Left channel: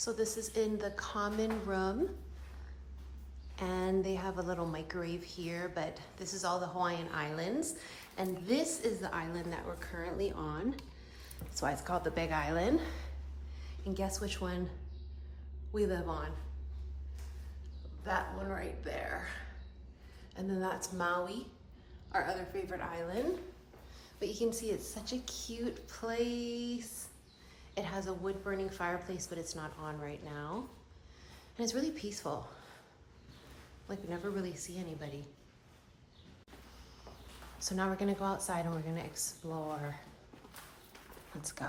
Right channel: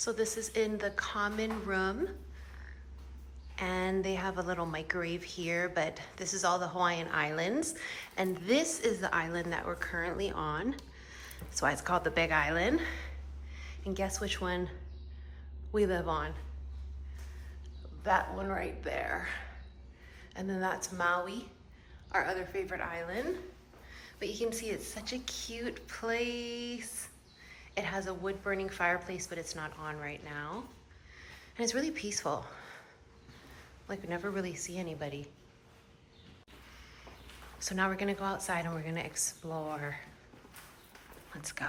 So this is in the common room, and they have a little microwave here, but this is all the Hawaiian Islands. And this is the island that we're currently on. That's why it's called the Big Island. And guess which one we live on? That one right there. And then that's Maui, our other favorite island. But you can see it's such a cute place. It has a wood burning fireplace, but it's not on right now. And it's really peaceful. Like, we never really see anybody. So now we're gonna go outside and we're gonna explore. Let's go.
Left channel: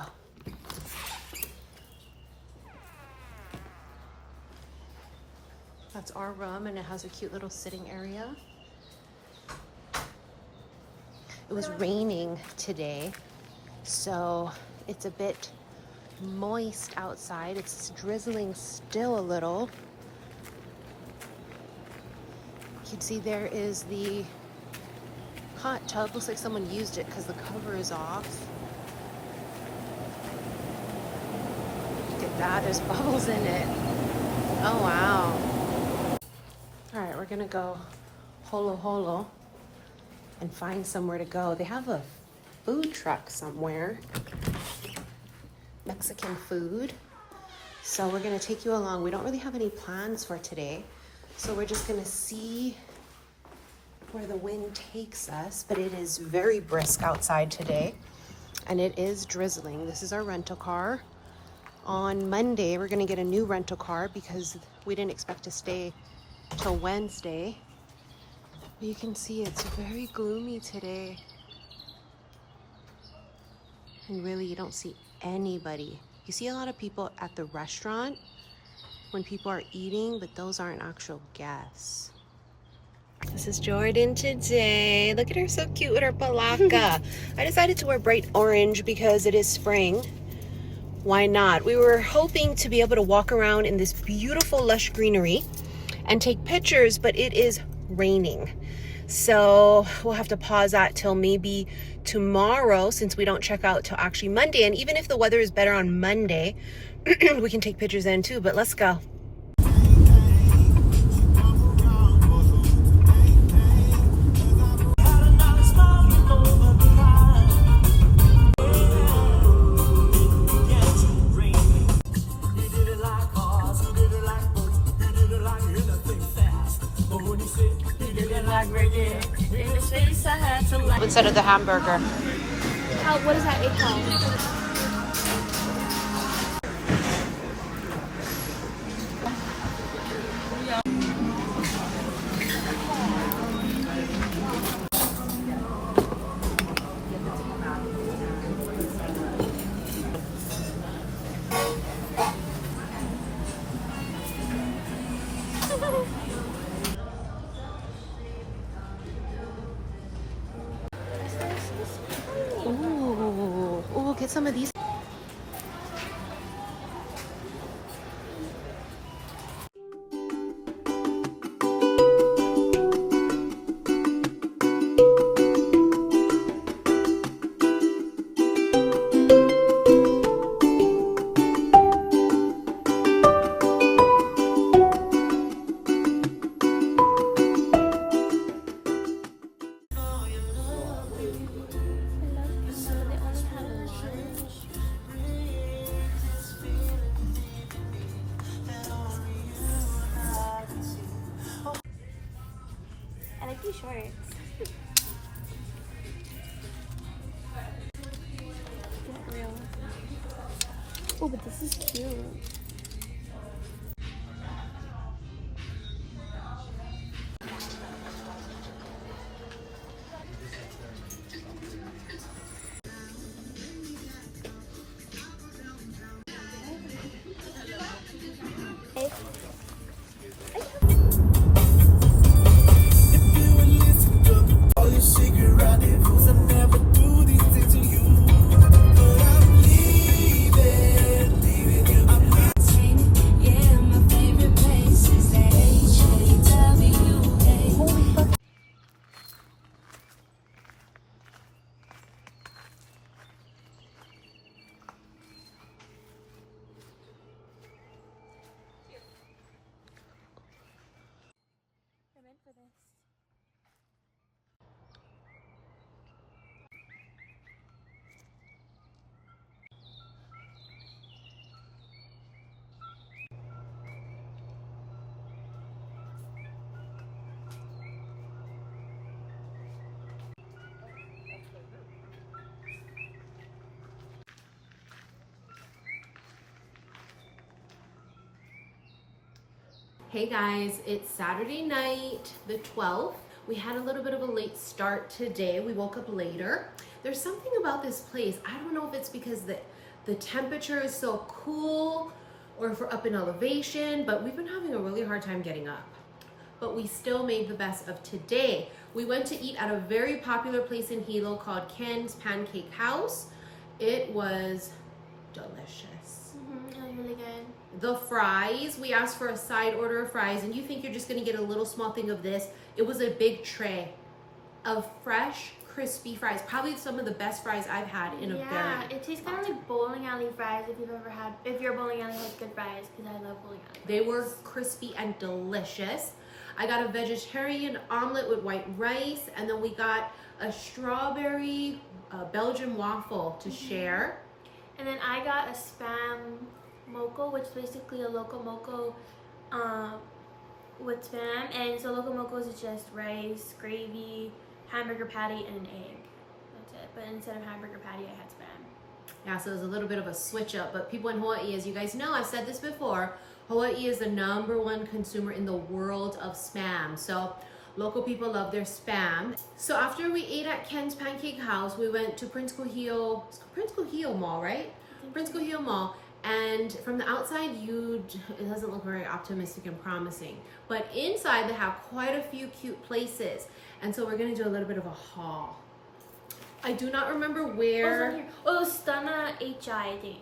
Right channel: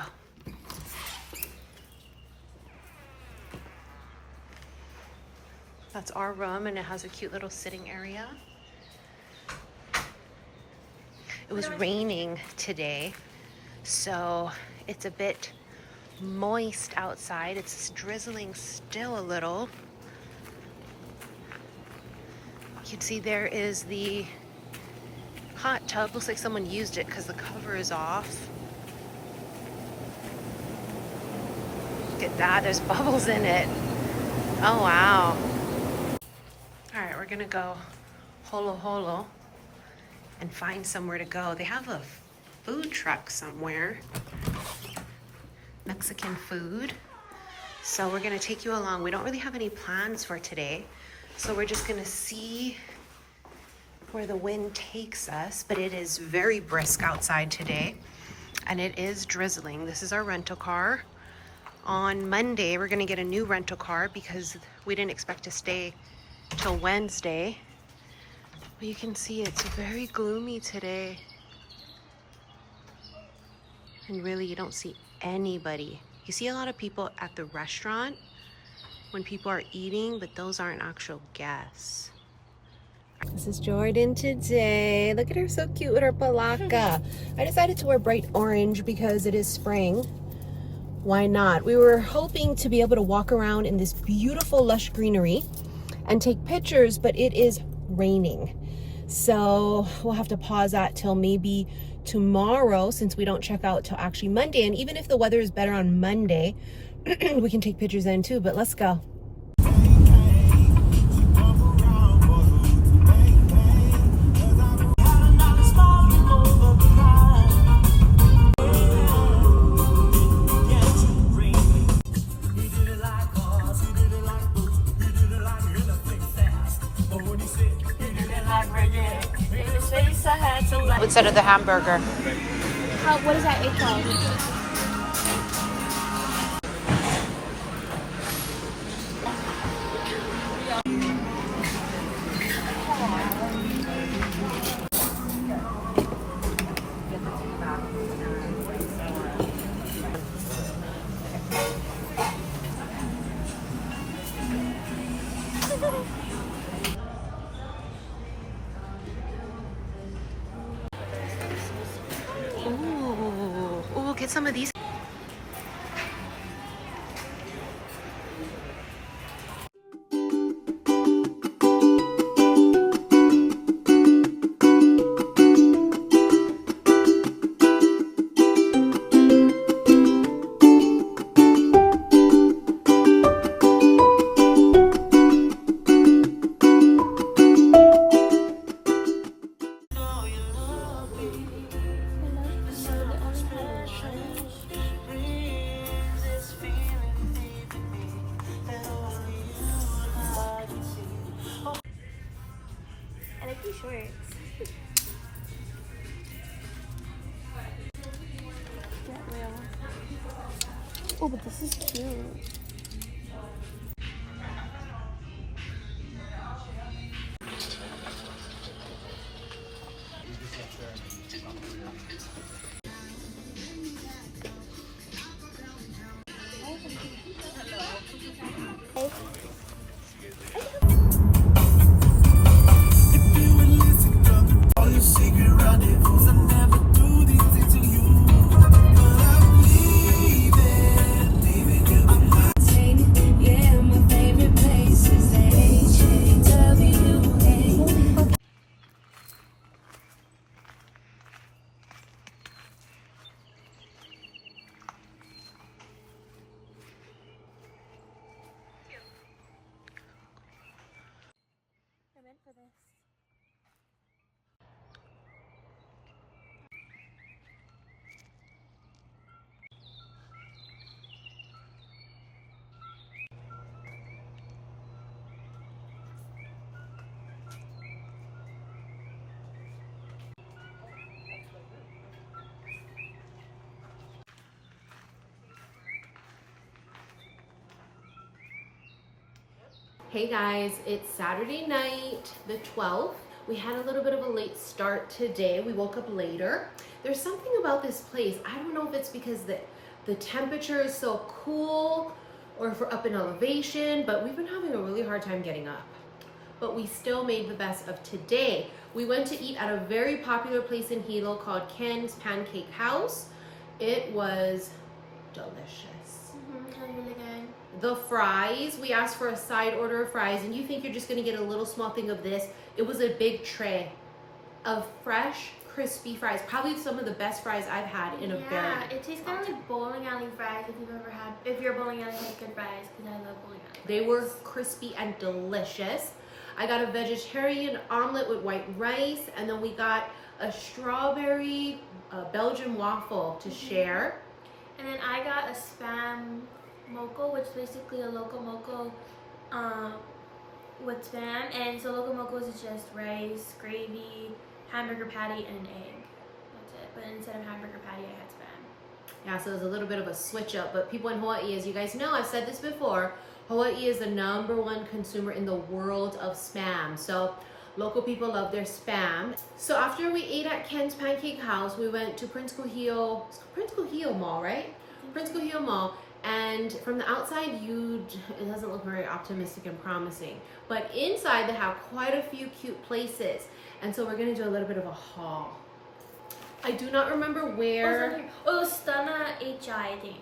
That's our room, and it has a cute little sitting area. It was raining today, so it's a bit moist outside. It's drizzling still a little. You can see there is the hot tub. Looks like someone used it because the cover is off. Look at that, there's bubbles in it. Oh wow. All right, we're gonna go holo holo and find somewhere to go. They have a food truck somewhere. Mexican food. So we're gonna take you along. We don't really have any plans for today, so we're just gonna see where the wind takes us, but it is very brisk outside today, and it is drizzling. This is our rental car. On Monday, we're gonna get a new rental car because we didn't expect to stay till Wednesday. But you can see it's very gloomy today. And really, you don't see anybody. You see a lot of people at the restaurant when people are eating, but those aren't actual guests. This is Jordan today. Look at her, so cute with her palaka. I decided to wear bright orange because it is spring. Why not? We were hoping to be able to walk around in this beautiful lush greenery and take pictures, but it is raining. So we'll have to pause that till maybe tomorrow, since we don't check out till actually Monday. And even if the weather is better on Monday, we can take pictures then too, but let's go. Instead of the hamburger. What is that egg called? Ooh, get some of these. Shorts. Get real. Oh, but this is cute. Hey guys, it's Saturday night, the 12th. We had a little bit of a late start today. We woke up later. There's something about this place. I don't know if it's because the temperature is so cool or if we're up in elevation, but we've been having a really hard time getting up. But we still made the best of today. We went to eat at a very popular place in Hilo called Ken's Pancake House. It was delicious. It was really good. The fries, we asked for a side order of fries, and you think you're just gonna get a little small thing of this. It was a big tray of fresh, crispy fries. Probably some of the best fries I've had in a very Yeah, it tastes kind of like bowling alley fries if you're bowling alley has good fries, because I love bowling alley fries. They were crispy and delicious. I got a vegetarian omelet with white rice, and then we got a strawberry Belgian waffle to share. And then I got a spam moco, which is basically a loco moco with spam. And so loco mocos is just rice, gravy, hamburger patty, and an egg. That's it. But instead of hamburger patty, I had spam. Yeah, so it was a little bit of a switch up. But people in Hawaii, as you guys know, I've said this before, Hawaii is the #1 consumer in the world of spam. So local people love their spam. So after we ate at Ken's Pancake House, we went to Prince Kuhio Mall, right? Prince Kuhio Mall. And from the outside, it doesn't look very optimistic and promising. But inside, they have quite a few cute places. And so we're gonna do a little bit of a haul. I do not remember where. Oh, Stana HI, I think.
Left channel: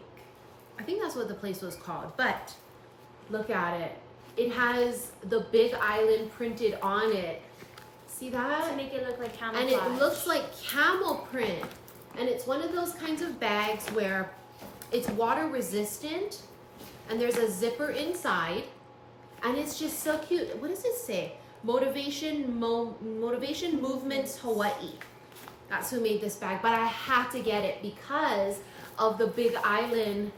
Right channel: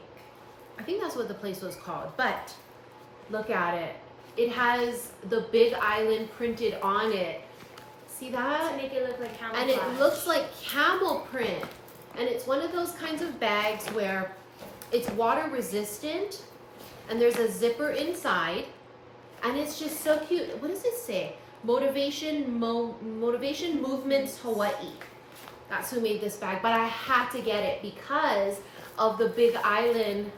I think that's what the place was called. But look at it. It has the big island printed on it. See that? To make it look like camouflage. And it looks like camel print. And it's one of those kinds of bags where it's water resistant and there's a zipper inside. And it's just so cute. What does it say? Motivation Movements Hawaii. That's who made this bag. But I had to get it because of the big island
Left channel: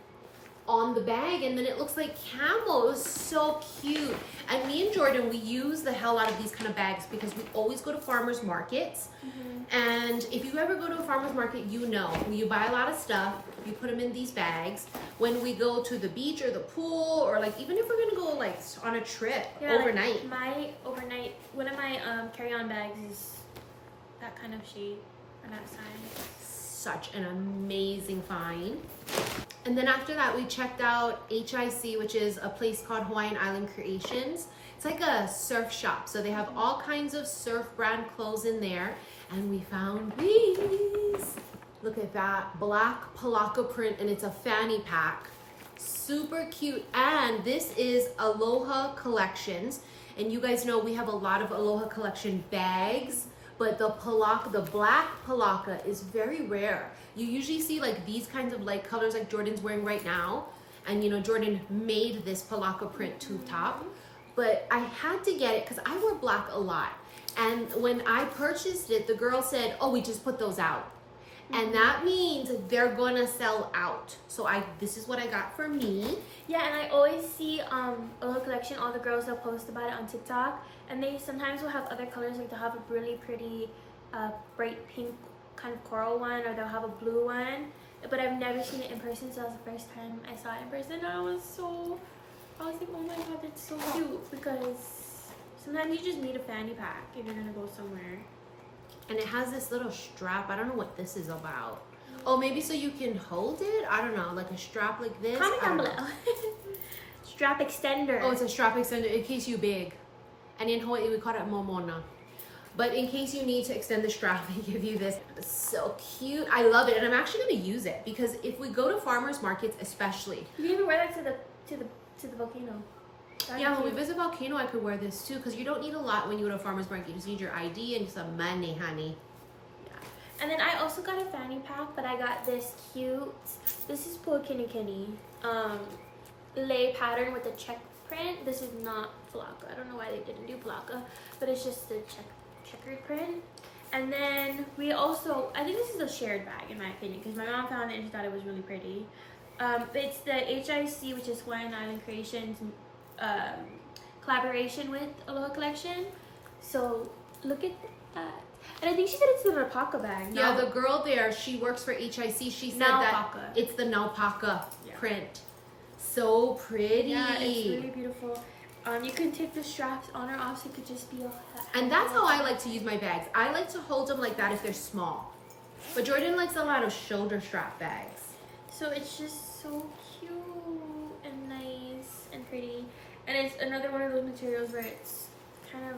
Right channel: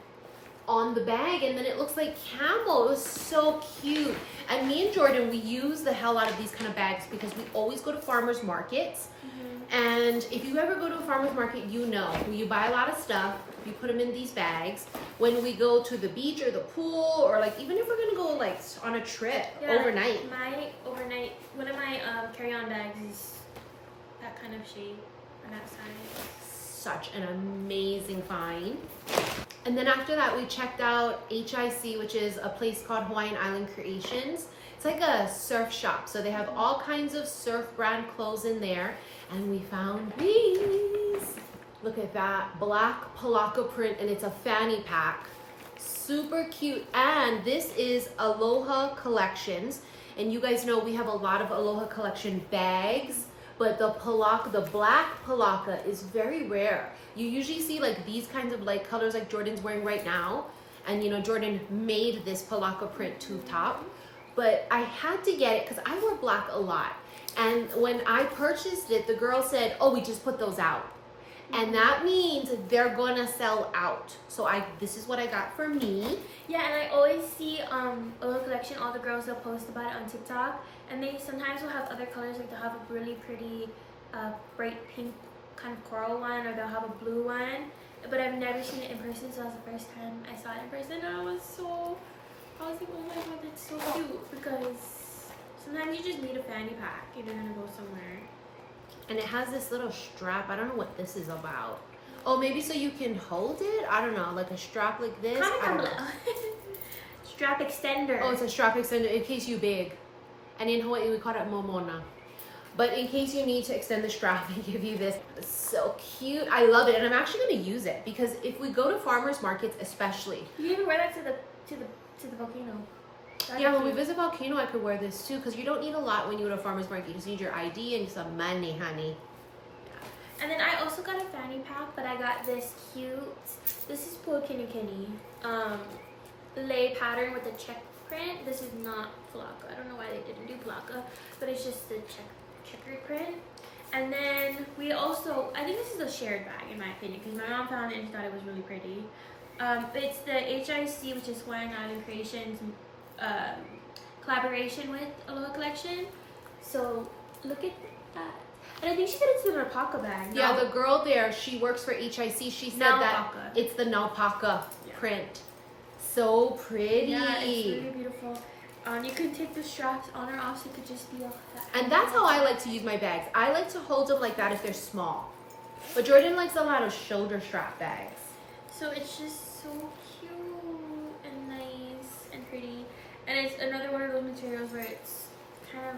on the bag, and then it looks like camel. It was so cute. And me and Jordan, we use the hell out of these kind of bags because we always go to farmers markets. And if you ever go to a farmers market, you know, when you buy a lot of stuff, you put them in these bags. When we go to the beach or the pool, or like even if we're gonna go like on a trip overnight. One of my carry-on bags is that kind of shape and that size. Such an amazing find. And then after that, we checked out HIC, which is a place called Hawaiian Island Creations. It's like a surf shop. So they have all kinds of surf brand clothes in there. And we found these. Look at that, black palaka print, and it's a fanny pack. Super cute. And this is Aloha Collections. And you guys know we have a lot of Aloha Collection bags. But the black palaka is very rare. You usually see like these kinds of light colors like Jordan's wearing right now. And you know, Jordan made this palaka print tube top. But I had to get it because I wear black a lot. And when I purchased it, the girl said, oh, we just put those out. And that means they're gonna sell out. So this is what I got for me. Yeah, and I always see Aloha Collection, all the girls will post about it on TikTok. And they sometimes will have other colors, like they'll have a really pretty bright pink kind of coral one, or they'll have a blue one. But I've never seen it in person, so that was the first time I saw it in person. And I was like, oh my god, that's so cute. Because sometimes you just need a fanny pack if you're gonna go somewhere. And it has this little strap. I don't know what this is about. Oh, maybe so you can hold it? I don't know, like a strap like this? Kind of strap extender. Oh, it's a strap extender in case you big. And in Hawaii, we call it momona. But in case you need to extend the strap, they give you this. It's so cute. I love it. And I'm actually going to use it because if we go to farmers markets, especially. You can even wear that to the volcano. Yeah, when we visit Volcano, I could wear this too because you don't need a lot when you go to farmers market. You just need your ID and some money, honey. Yeah. And then I also got a fanny pack, but I got this cute, this is Puakinikini, lei pattern with a check print. This is not palaka. I don't know why they didn't do palaka, but it's just the checkered print. And then we also, I think this is a shared bag in my opinion because my mom found it and she thought it was really pretty. It's the HIC, which is Hawaiian Island Creations collaboration with Aloha Collection. So look at that. And I think she said it's the Naupaka bag. Yeah, the girl there, she works for HIC. She said that it's the Naupaka print. So pretty. Yeah, it's really beautiful. You can take the straps on or off, so it could just be a And that's how I like to use my bags. I like to hold them like that if they're small. But Jordan likes a lot of shoulder strap bags. So it's just so cute and nice and pretty. And it's another one of those materials where it's kind of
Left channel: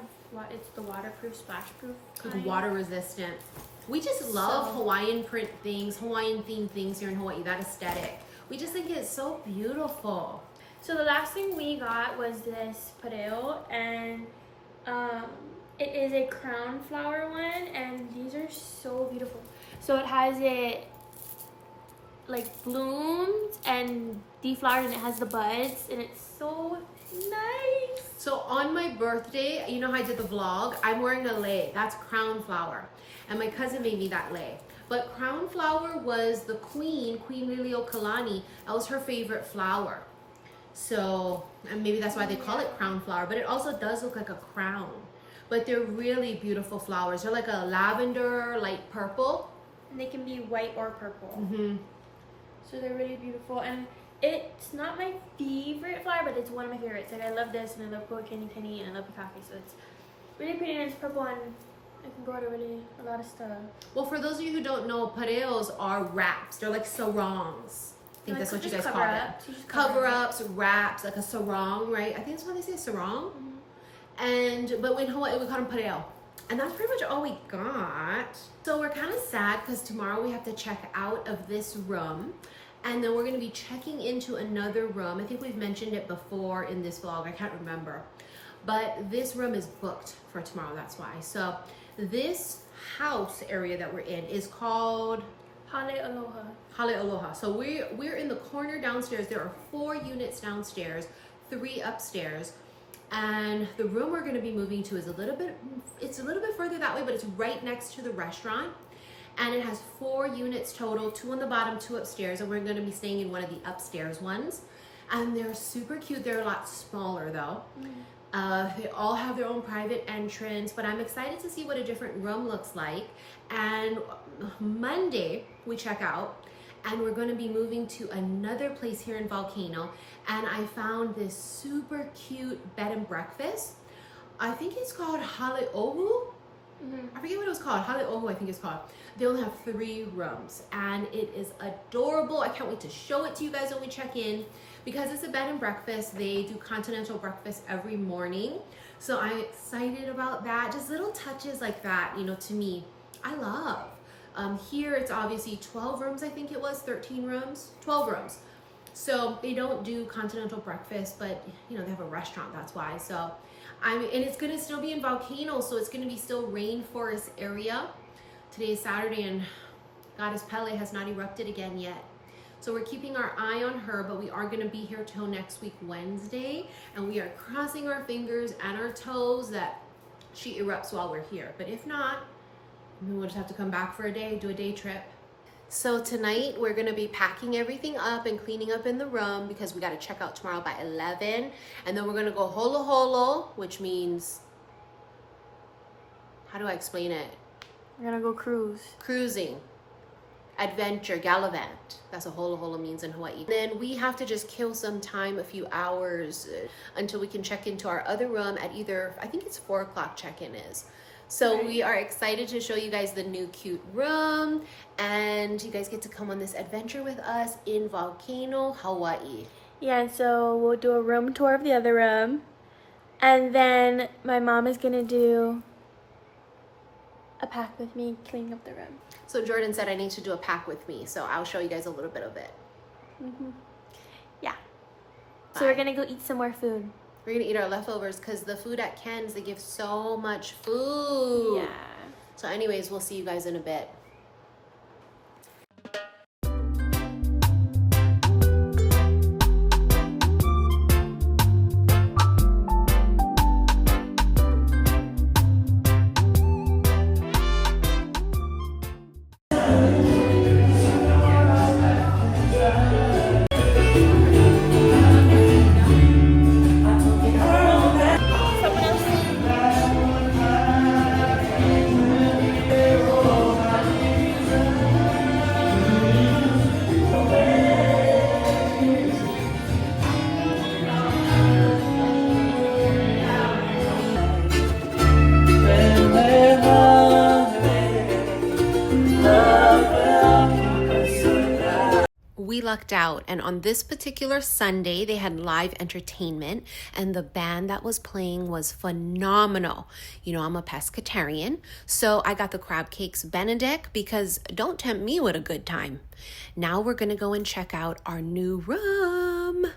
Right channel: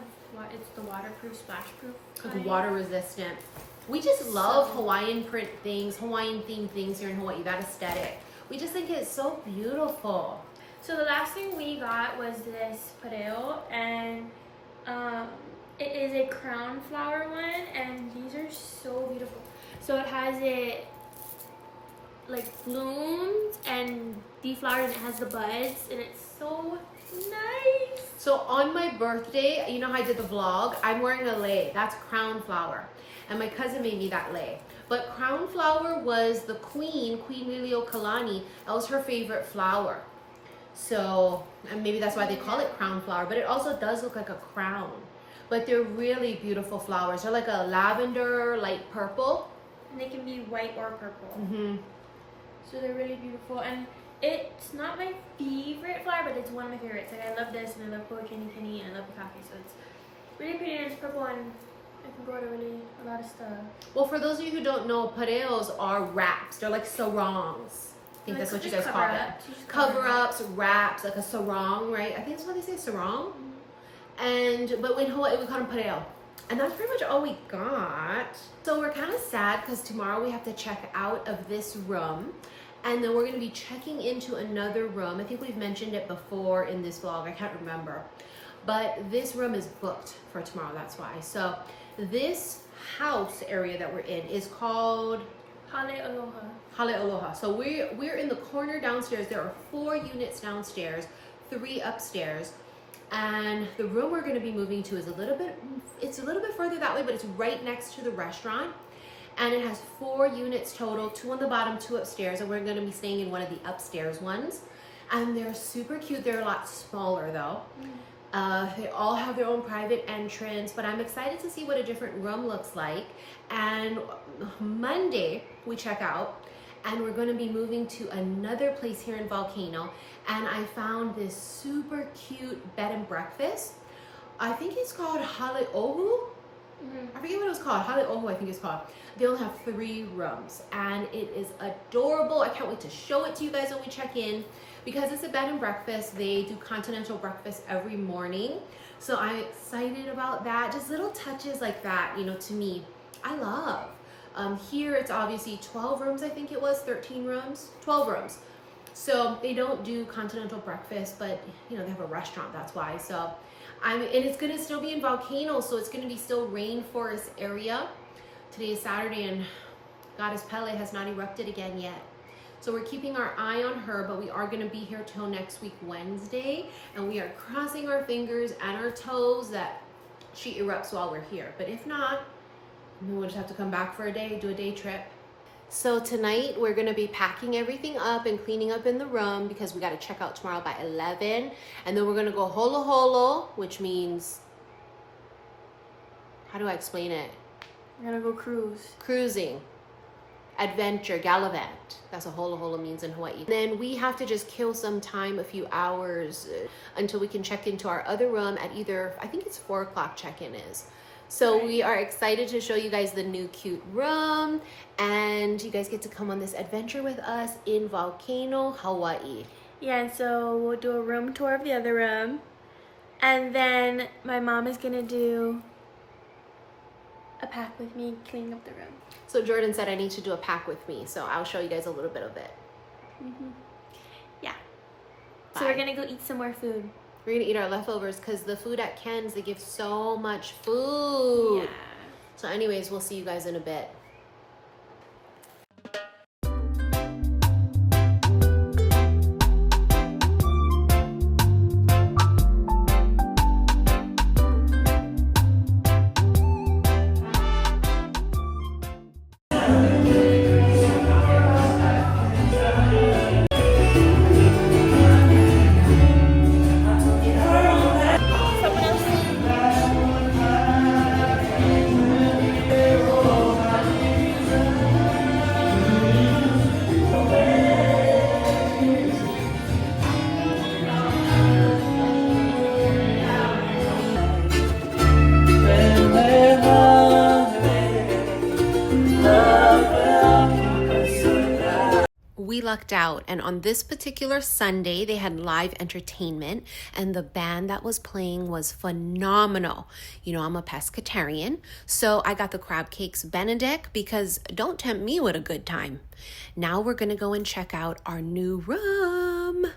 it's the waterproof, splashproof kind. Like water resistant. We just love So- Hawaiian print things, Hawaiian themed things here in Hawaii, that aesthetic. We just think it's so beautiful. So the last thing we got was this pareo, and it is a crown flower one, and these are so beautiful. So it has it like blooms and deflowers, and it has the buds, and it's so nice. So on my birthday, you know how I did the vlog? I'm wearing a lei. That's crown flower. And my cousin made me that lei. But crown flower was the Queen Liliuokalani. That was her favorite flower. So, and maybe that's why they call it crown flower. But it also does look like a crown. But they're really beautiful flowers. They're like a lavender, light purple. And they can be white or purple. Mm-hmm. So they're really beautiful. And it's not my favorite flower, but it's one of my favorites. Like, I love this, and I love Volcano, and I love Pukake. So it's really pretty, and it's purple, and it can go to really a lot of stuff. Well, for those of you who don't know, pareos are wraps. They're like sarongs. I think that's what you guys call them. Cover-ups, wraps, like a sarong, right? I think that's what they say, sarong. Mm-hmm. But in Hawaii, we call them pareo. And that's pretty much all we got. So we're kind of sad because tomorrow we have to check out of this room. And then we're going to be checking into another room. I think we've mentioned it before in this vlog. I can't remember. But this room is booked for tomorrow. That's why. So this house area that we're in is called Hale Aloha. Hale Aloha. So we're in the corner downstairs. There are 4 units downstairs, 3 upstairs. And the room we're going to be moving to is a little bit further that way, but it's right next to the restaurant. And it has 4 units total, 2 on the bottom, 2 upstairs. And we're going to be staying in one of the upstairs ones. And they're super cute. They're a lot smaller though. They all have their own private entrance, but I'm excited to see what a different room looks like. And Monday we check out, and we're going to be moving to another place here in Volcano. And I found this super cute bed and breakfast. I think it's called Hale'ohu. I forget what it was called. Hale'ohu, I think it's called. They only have 3 rooms, and it is adorable. I can't wait to show it to you guys when we check in. Because it's a bed and breakfast, they do continental breakfast every morning. So I'm excited about that. Just little touches like that, you know, to me, I love. Here it's obviously 12 rooms, I think it was, 13 rooms, 12 rooms. So they don't do continental breakfast, but you know, they have a restaurant, that's why. So and it's gonna still be in Volcano, so it's gonna be still rainforest area. Today is Saturday, and Goddess Pele has not erupted again yet. So we're keeping our eye on her, but we are gonna be here till next week, Wednesday, and we are crossing our fingers and our toes that she erupts while we're here. But if not, we'll just have to come back for a day, do a day trip. So tonight we're gonna be packing everything up and cleaning up in the room because we gotta check out tomorrow by 11. And then we're gonna go holo holo, which means, how do I explain it? I'm gonna go cruise. Cruising, adventure, gallivant. That's what holo holo means in Hawaii. Then we have to just kill some time, a few hours, until we can check into our other room at either, I think it's 4 o'clock check-in is. So we are excited to show you guys the new cute room, and you guys get to come on this adventure with us in Volcano, Hawaii. Yeah, so we'll do a room tour of the other room, and then my mom is gonna do a pack with me cleaning up the room. So Jordan said I need to do a pack with me, so I'll show you guys a little bit of it. Yeah. Bye. So we're gonna go eat some more food. We're gonna eat our leftovers because the food at Ken's, they give so much food. Yeah. So anyways, we'll see you guys in a bit. lucked out, and on this particular Sunday, they had live entertainment, and the band that was playing was phenomenal. You know, I'm a pescatarian, so I got the crab cakes Benedict because don't tempt me with a good time. Now we're gonna go and check out our new room.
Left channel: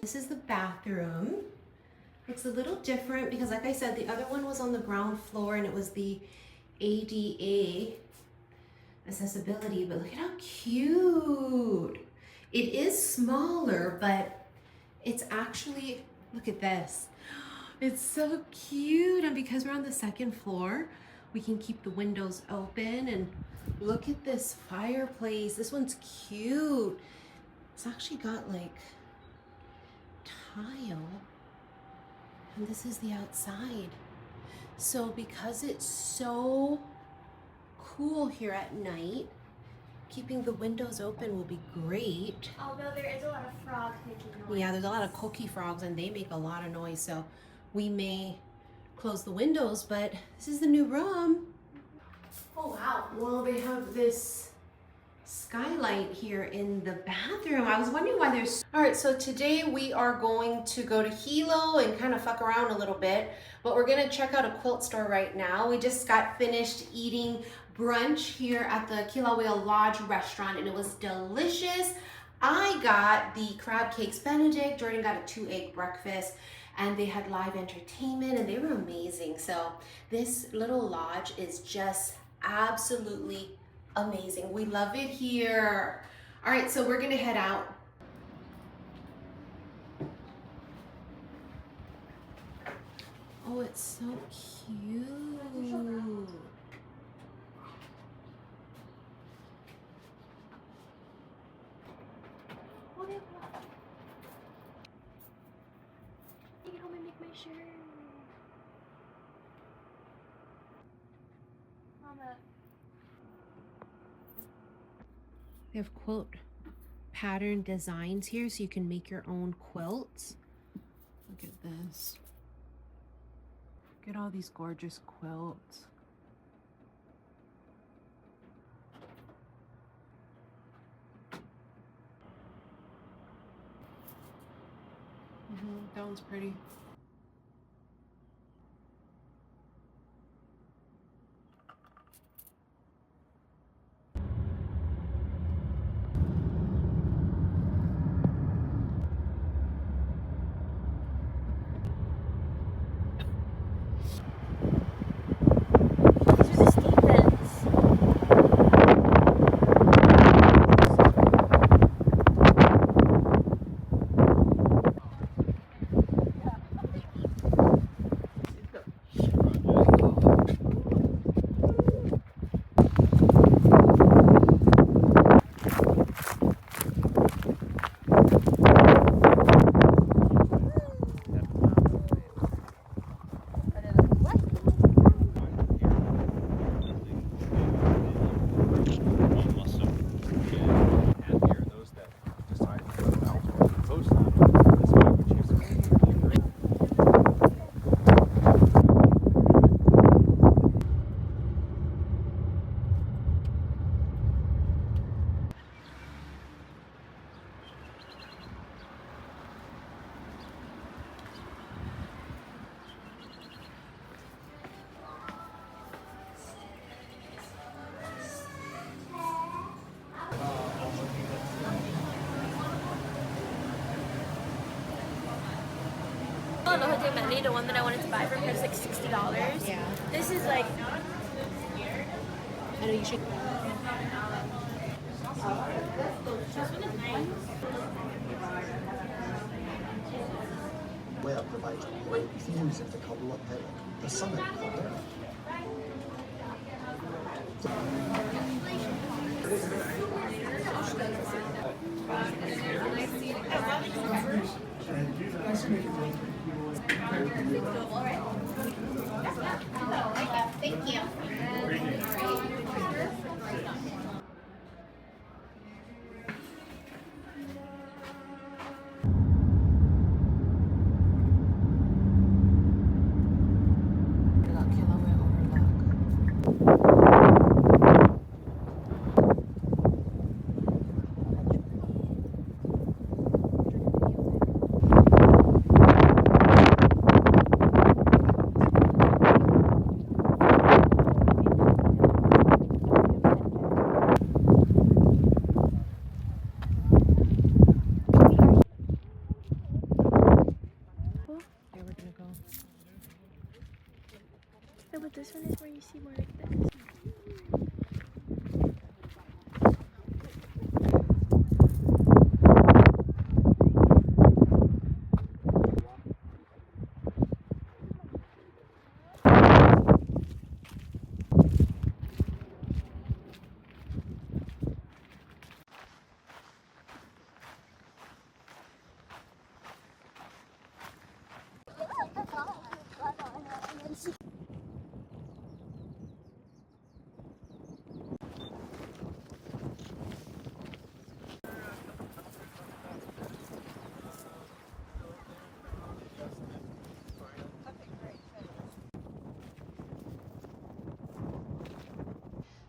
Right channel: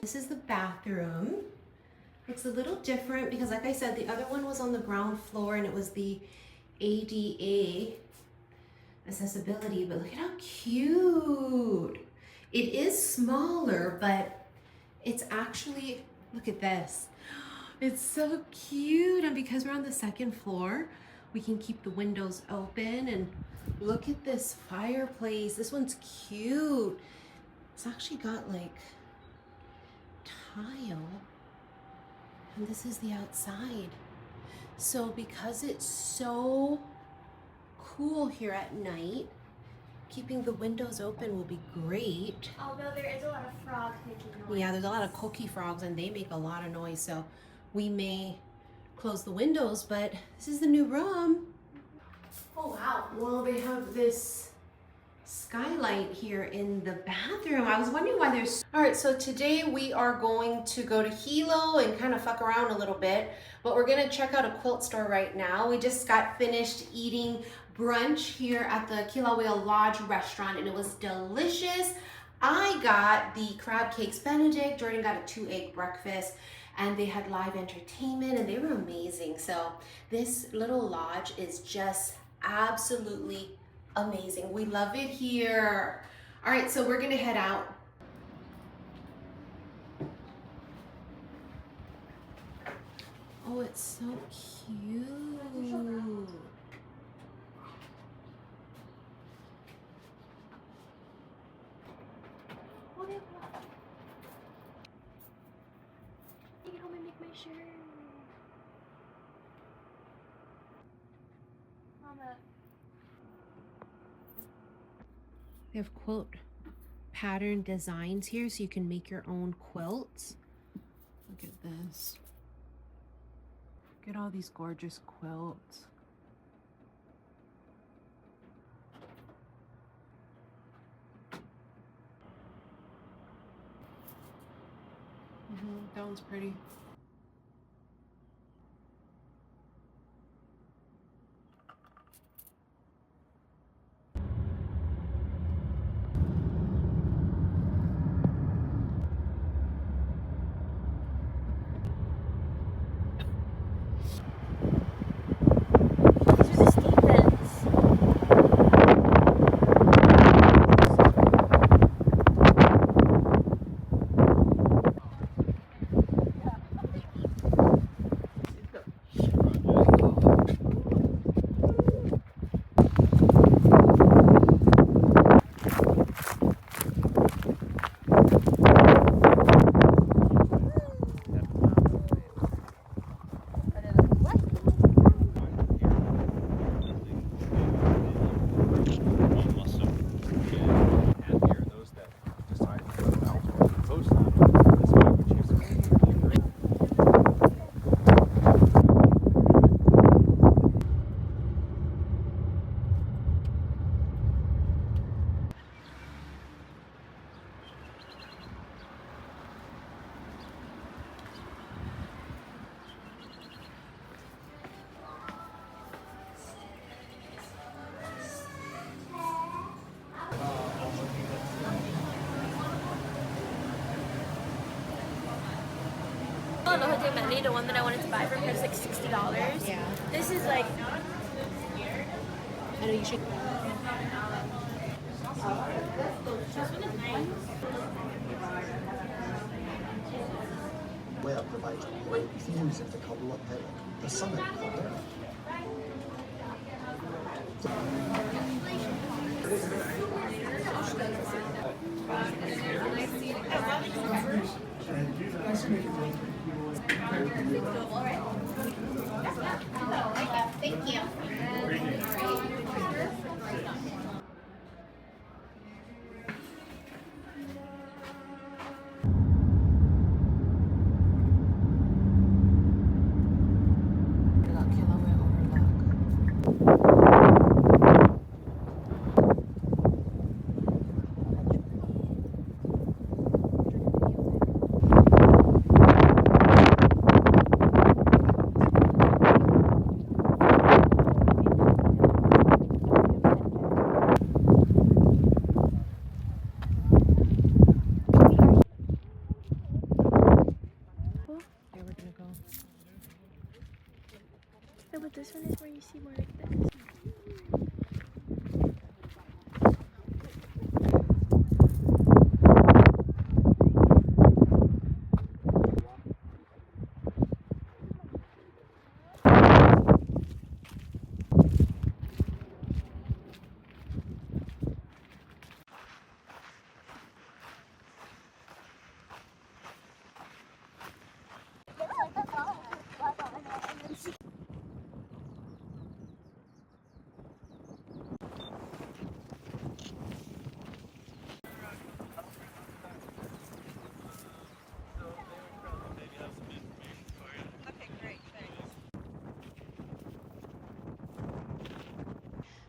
This is the bathroom. It's a little different because, like I said, the other one was on the ground floor and it was the ADA accessibility, but look at how cute. It is smaller, but it's actually, look at this. It's so cute. And because we're on the second floor, we can keep the windows open, and look at this fireplace. This one's cute. It's actually got like tile, and this is the outside. So because it's so cool here at night, keeping the windows open will be great. Although there is a lot of frogs making noise. Yeah, there's a lot of cookie frogs and they make a lot of noise, so we may close the windows, but this is the new room. Oh wow. Well, they have this skylight here in the bathroom. I was wondering why there's... All right, so today we are going to go to Hilo and kind of fuck around a little bit, but we're gonna check out a quilt store right now. We just got finished eating brunch here at the Kilauea Lodge restaurant and it was delicious. I got the crab cakes Benedict, Jordan got a 2-egg breakfast, and they had live entertainment and they were amazing. So this little lodge is just absolutely amazing. We love it here. All right, so we're gonna head out. Oh, it's so cute. You can help me make my shirt. Mama. They have quilt pattern designs here so you can make your own quilts. Look at this. Look at all these gorgeous quilts. That one's pretty. These are the Stevens. The one that I wanted to buy for her is like $60. Yeah. This is like I know you should. Where provides great views of the Kabul Hillock, the summit of the mountain. thank you. where you see more like this.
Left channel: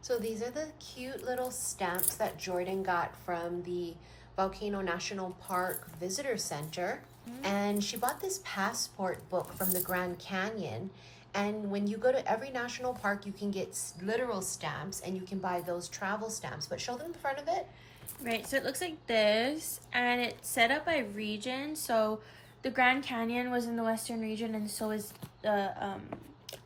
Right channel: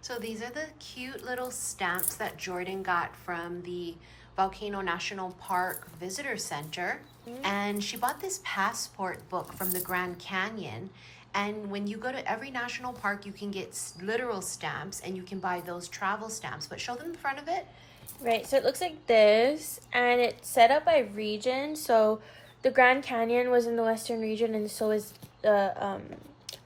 So these are the cute little stamps that Jordan got from the Volcano National Park Visitor Center. And she bought this passport book from the Grand Canyon. And when you go to every national park, you can get literal stamps and you can buy those travel stamps. But show them the front of it. Right, so it looks like this, and it's set up by region. So the Grand Canyon was in the western region, and so is the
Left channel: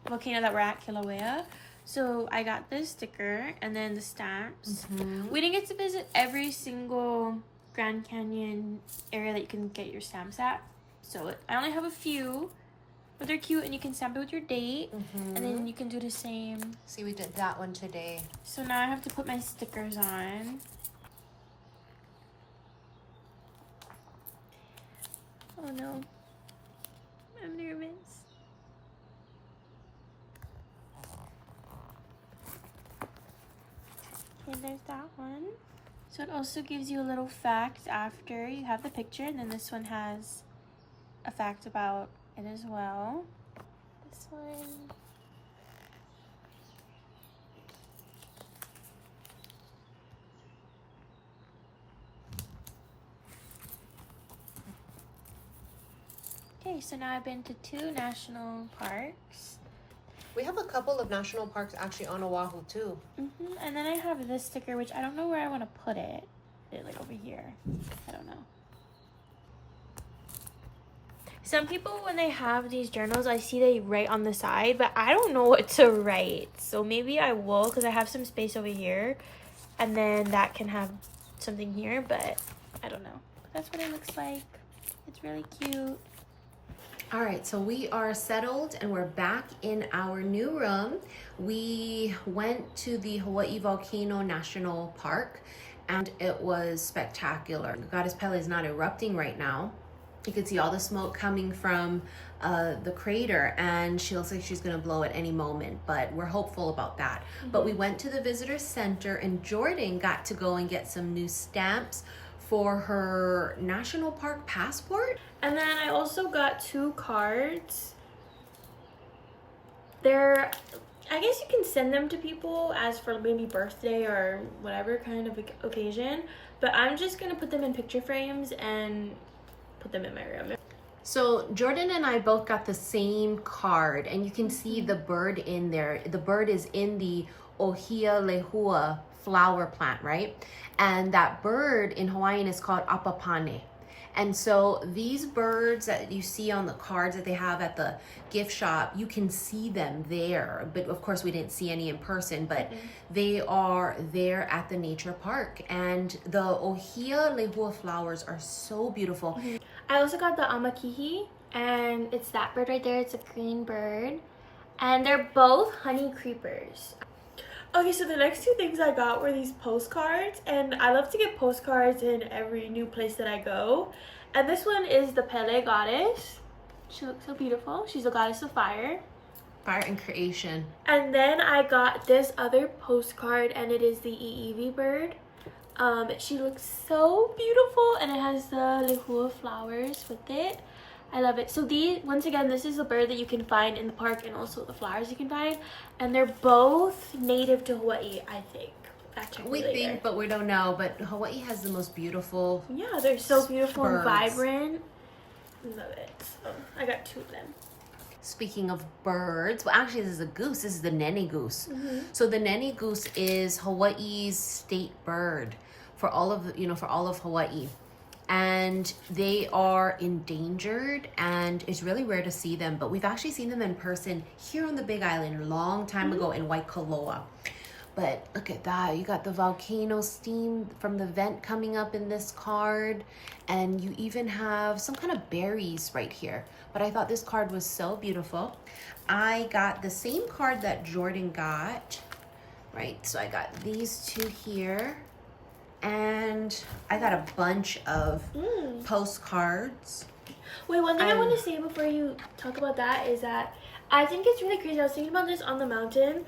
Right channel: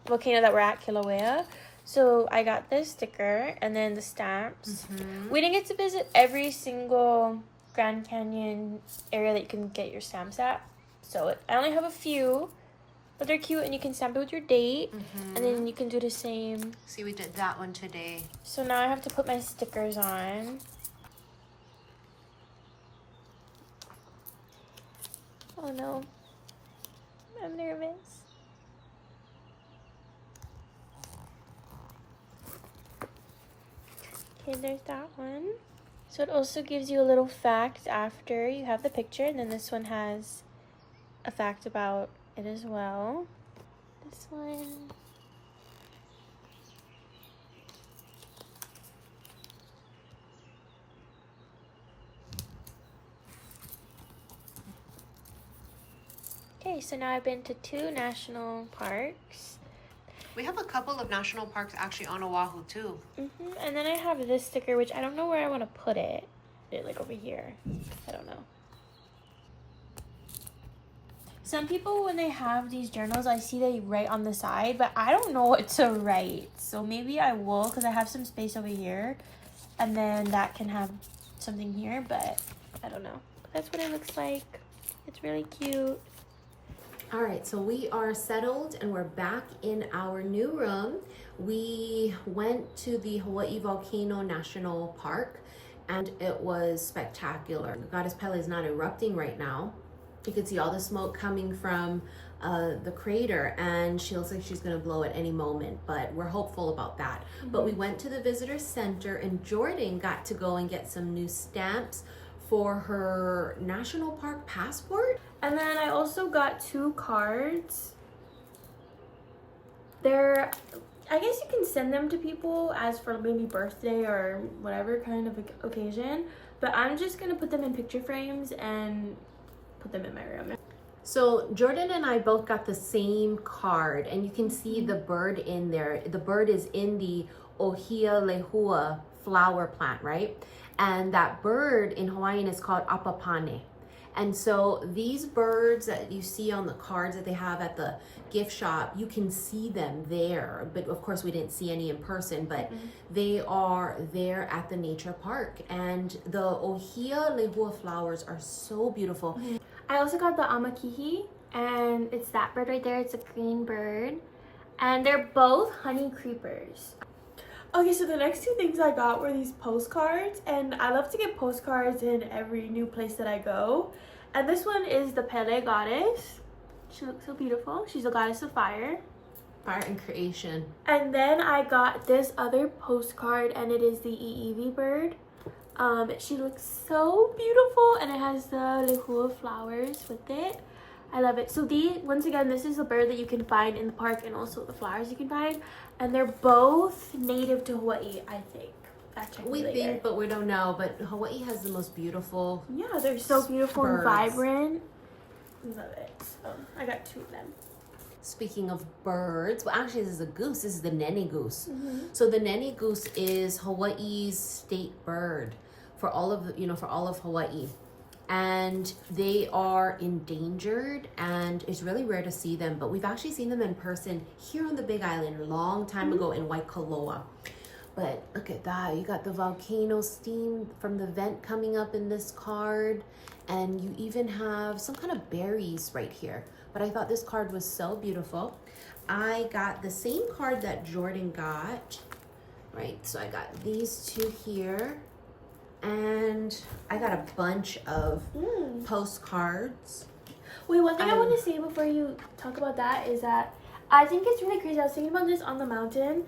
volcano that we're at, Kilauea. So I got this sticker and then the stamps. We didn't get to visit every single Grand Canyon area that you can get your stamps at. So I only have a few, but they're cute and you can stamp it with your date. And then you can do the same. See, we did that one today. So now I have to put my stickers on. Oh no, I'm nervous. Okay, there's that one. So it also gives you a little fact after you have the picture, and then this one has a fact about it as well. This one. Okay, so now I've been to 2 national parks. We have a couple of national parks actually on Oahu too. And then I have this sticker, which I don't know where I want to put it. Put it like over here. I don't know. Some people, when they have these journals, I see they write on the side, but I don't know what to write. So maybe I will, because I have some space over here. And then that can have something here, but I don't know. That's what it looks like. It's really cute. All right, so we are settled and we're back in our new room. We went to the Hawaii Volcano National Park and it was spectacular. Goddess Pele is not erupting right now. You can see all the smoke coming from the crater, and she looks like she's gonna blow at any moment, but we're hopeful about that. But we went to the visitor center and Jordan got to go and get some new stamps for her national park passport. And then I also got 2 cards. They're, I guess you can send them to people as for maybe birthday or whatever kind of occasion, but I'm just gonna put them in picture frames and put them in my room. So Jordan and I both got the same card, and you can see the bird in there. The bird is in the Ohia lehua flower plant, right? And that bird in Hawaiian is called apapane. And so these birds that you see on the cards that they have at the gift shop, you can see them there. But of course we didn't see any in person, but they are there at the nature park. And the Ohia lehua flowers are so beautiful. I also got the amakihi, and it's that bird right there. It's a green bird, and they're both honey creepers. Okay, so the next 2 things I got were these postcards, and I love to get postcards in every new place that I go. And this one is the Pele goddess. She looks so beautiful. She's a goddess of fire. Fire and creation. And then I got this other postcard, and it is the Iiwi bird. She looks so beautiful, and it has the lehua flowers with it. I love it. So these, once again, this is a bird that you can find in the park, and also the flowers you can find. And they're both native to Hawaii, I think. We think, but we don't know. But Hawaii has the most beautiful. Yeah, they're so beautiful birds. and vibrant. Love it. So I got 2 of them. Speaking of birds, well, actually, this is a goose. This is the nene goose. So the nene goose is Hawaii's state bird for all of Hawaii. and they are endangered, and it's really rare to see them, but we've actually seen them in person here on the Big Island a long time ago in Waikoloa. But look at that, you got the volcano steam from the vent coming up in this card, and you even have some kind of berries right here. But I thought this card was so beautiful. I got the same card that Jordan got, right? So I got these two here, and I got a bunch of postcards. Wait, one thing I want to say before you talk about that is that I think it's really crazy. I was thinking about this on the mountain.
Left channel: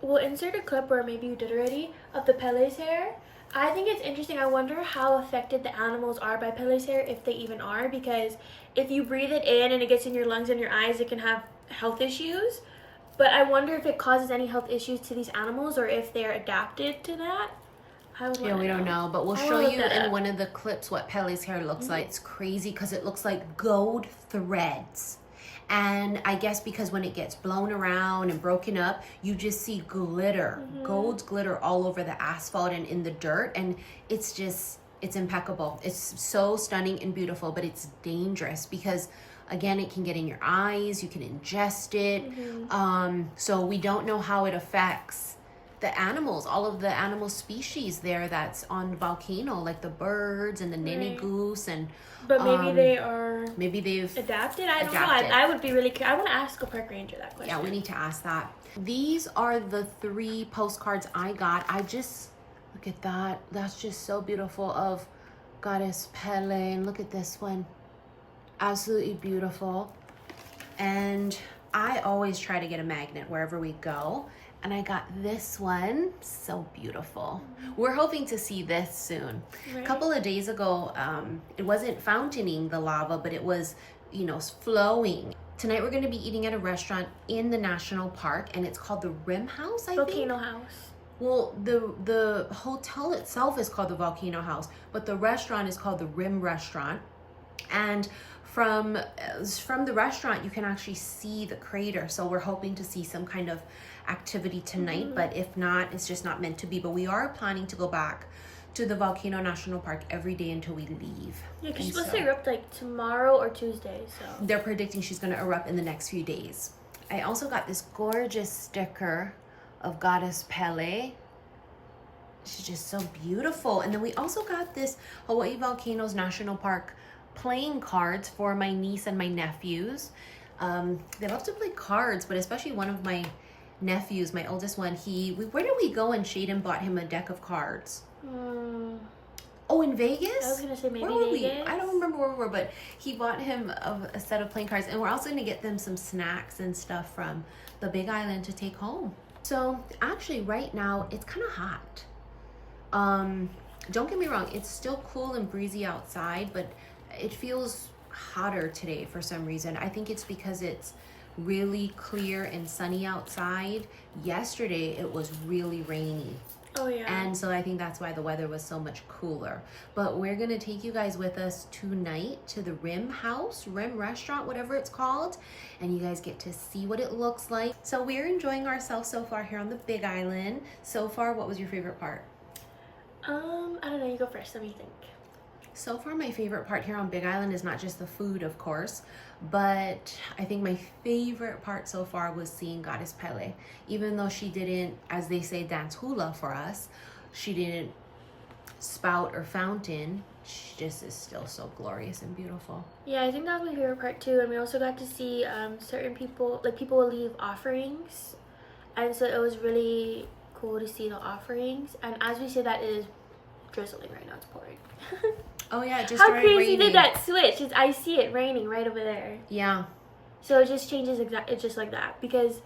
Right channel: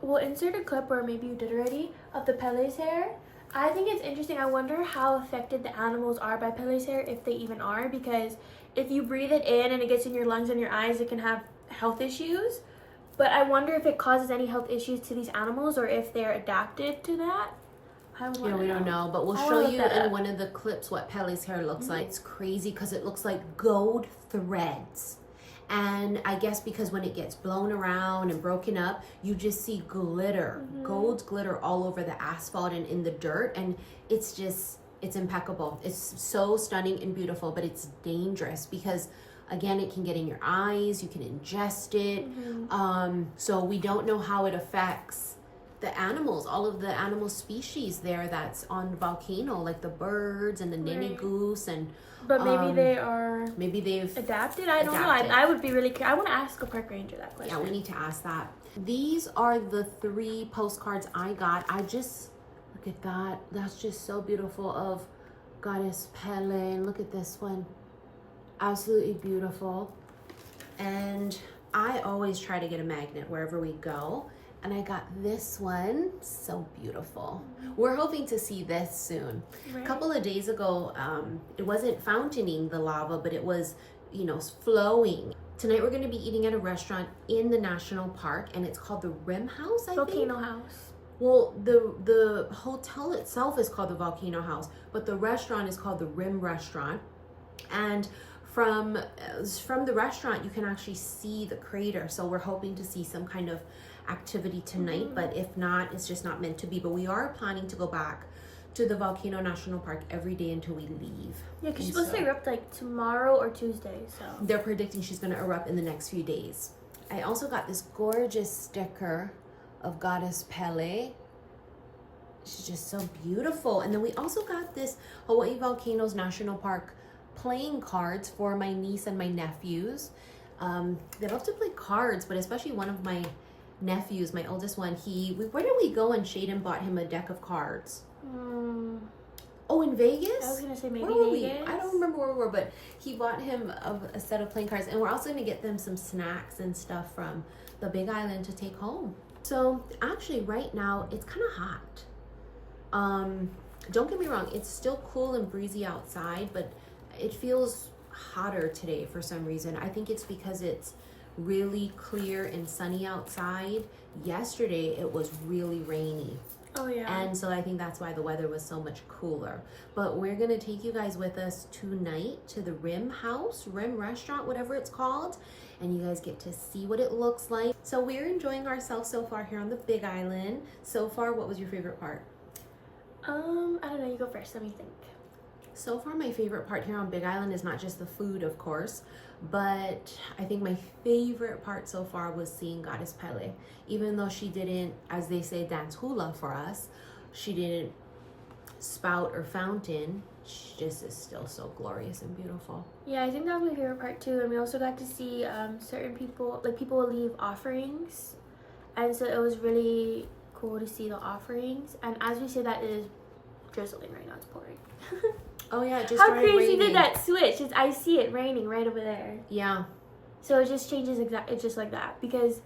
We'll insert a clip, or maybe you did already, of the Pele's hair. I think it's interesting. I wonder how affected the animals are by Pele's hair, if they even are, because if you breathe it in and it gets in your lungs and your eyes, it can have health issues. But I wonder if it causes any health issues to these animals, or if they're adapted to that. Yeah, we don't know, but we'll show you in one of the clips what Pele's hair looks like. It's crazy because it looks like gold threads. And I guess because when it gets blown around and broken up, you just see glitter, gold glitter all over the asphalt and in the dirt. And it's impeccable. It's so stunning and beautiful, but it's dangerous because, again, it can get in your eyes, you can ingest it. So we don't know how it affects the animals, all of the animal species there that's on the volcano, like the birds and the ninny goose, and but maybe they've adapted. I don't know. I would be really curious. I want to ask a park ranger that question. Yeah, we need to ask that. These are the 3 postcards I got. I just look at that. That's just so beautiful of Goddess Pele. And look at this one, absolutely beautiful. And I always try to get a magnet wherever we go. And I got this one, so beautiful. We're hoping to see this soon. A couple of days ago, it wasn't fountaining the lava, but it was, flowing. Tonight we're gonna be eating at a restaurant in the national park, and it's called the Rim House, I think. Volcano House. Well, the hotel itself is called the Volcano House, but the restaurant is called the Rim Restaurant. And from the restaurant, you can actually see the crater. So we're hoping to see some kind of activity tonight, but if not, it's just not meant to be. But we are planning to go back to the Volcano National Park every day until we leave. Yeah, because she's supposed to erupt like tomorrow or Tuesday, so they're predicting she's going to erupt in the next few days. I also got this gorgeous sticker of Goddess Pele. She's just so beautiful. And then we also got this Hawaii Volcanoes National Park playing cards for my niece and my nephews. They love to play cards, but especially one of my nephews, my oldest one, where did we go and Shaden bought him a deck of cards? Oh, in Vegas? I was gonna say maybe where were Vegas. we? I don't remember where we were, but he bought him a set of playing cards, and we're also gonna get them some snacks and stuff from the Big Island to take home. So actually right now it's kind of hot. Don't get me wrong, it's still cool and breezy outside, but it feels hotter today for some reason. I think it's because it's really clear and sunny outside. Yesterday it was really rainy. Oh yeah. And so I think that's why the weather was so much cooler. But we're gonna take you guys with us tonight to the Rim House, Rim Restaurant, whatever it's called, and you guys get to see what it looks like. So we're enjoying ourselves so far here on the Big Island. So far, what was your favorite part? I don't know, you go first, let me think. So far, my favorite part here on Big Island is not just the food, of course, but I think my favorite part so far was seeing Goddess Pele. Even though she didn't, as they say, dance hula for us, she didn't spout or fountain, she just is still so glorious and beautiful. Yeah, I think that was my favorite part too. And we also got to see certain people, like people will leave offerings, and so it was really cool to see the offerings. And as we say, that is drizzling right now, it's pouring. Oh yeah, it just How started crazy raining. did that switch? I see it raining right over there. Yeah. So it just changes it's just like that. Because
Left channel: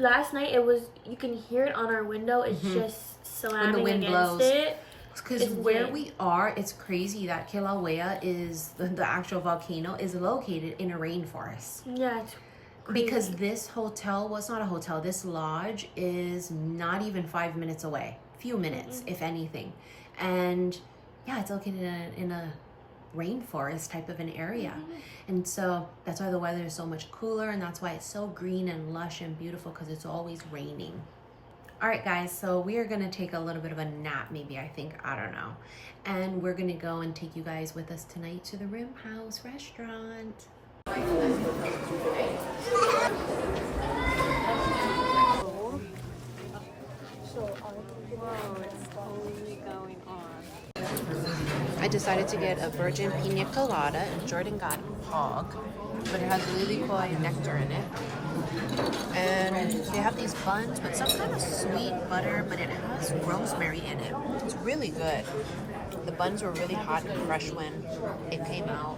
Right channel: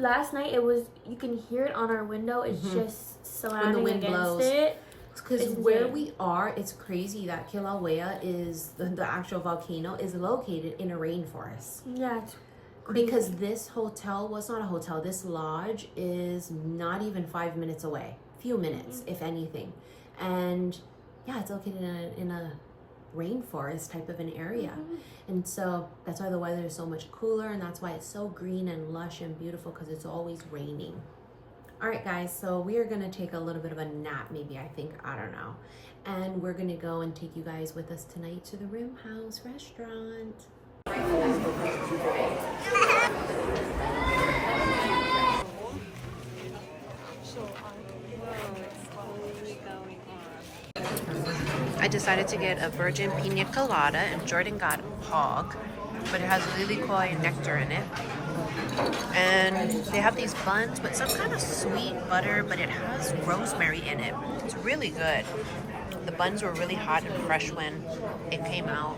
last night you can hear it on our window. It's just slamming when the wind against blows. it. Because where we are, it's crazy that Kilauea is, the actual volcano, is located in a rainforest. Yeah, it's crazy. Because this hotel was not a hotel. This lodge is not even 5 minutes away. Few minutes, if anything. And yeah, it's located in a rainforest type of an area. And so that's why the weather is so much cooler, and that's why it's so green and lush and beautiful, because it's always raining. All right, guys, so we are gonna take a little bit of a nap, maybe, I think, I don't know. And we're gonna go and take you guys with us tonight to the Room House restaurant. I decided to get a virgin pina colada, and Jordan got hog, but it has really cool nectar in it. And they have these buns with some kind of sweet butter, but it has rosemary in it. It's really good. The buns were really hot and fresh when it came out.